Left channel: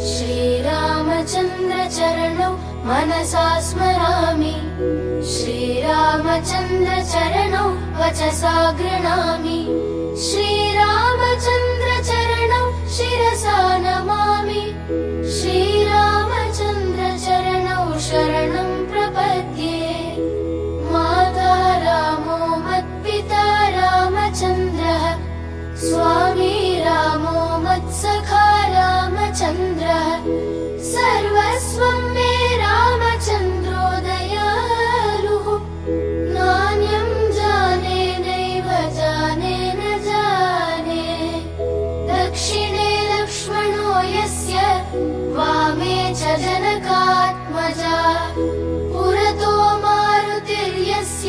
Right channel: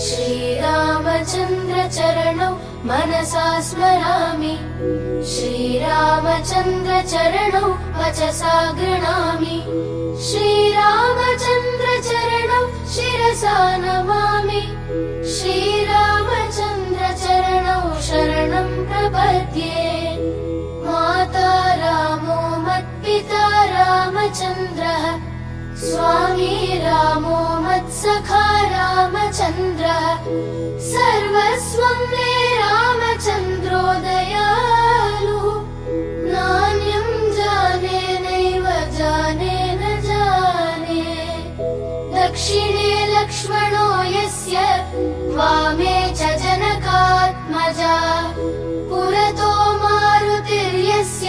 श्रीरामचन्द्र चरणौ मनसा स्मरामि। श्रीरामचन्द्र चरणौ वचसा गृह्णामि। श्रीरामचन्द्र चरणौ शिरसा नमामि। श्रीरामचन्द्र चरणौ शरणं प्रपद्ये। माता रामो मत्पिता रामचन्द्रः, स्वामी रामो मत्सखा रामचन्द्रः, सर्वस्वं मे रामचन्द्रो दयालुः। नान्यं जाने नैव जाने न जाने। दक्षिणे लक्ष्मणो यस्य, वामे च जनकात्मजा। पुरतो मारुतिर्यस्य,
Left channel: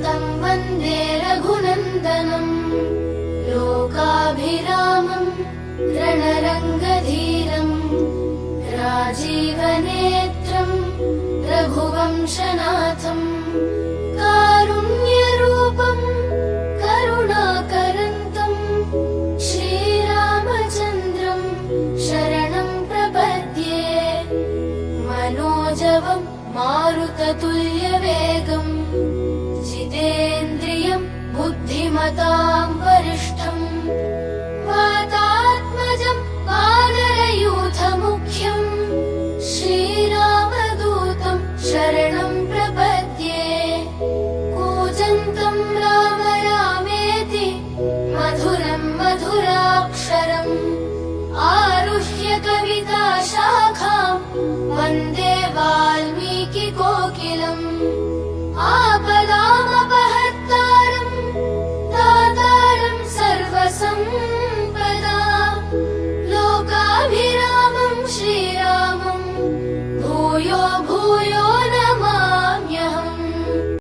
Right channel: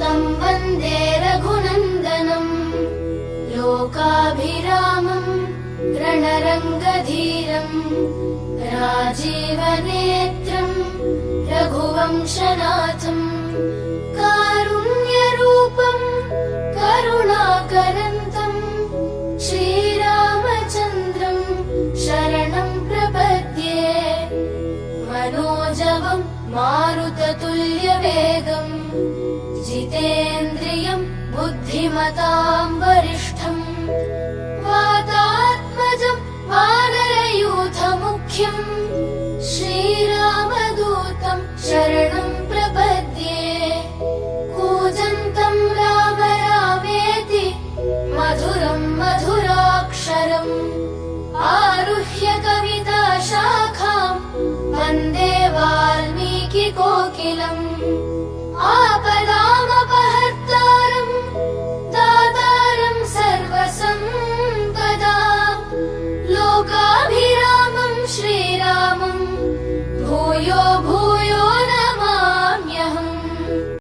तं वन्दे रघुनन्दनम्। लोकाभिरामम् रणरङ्गधीरम्, राजीवनेत्रम् रघुवंशनाथम्। कारुण्यरूपम् करुणाकरन्तम्, श्रीरामचन्द्रम् शरणं प्रपद्ये। मनोजवम् मारुततुल्यवेगम्, जितेन्द्रियम् बुद्धिमतां वरिष्ठम्। वातात्मजं वानरयूथमुख्यम्,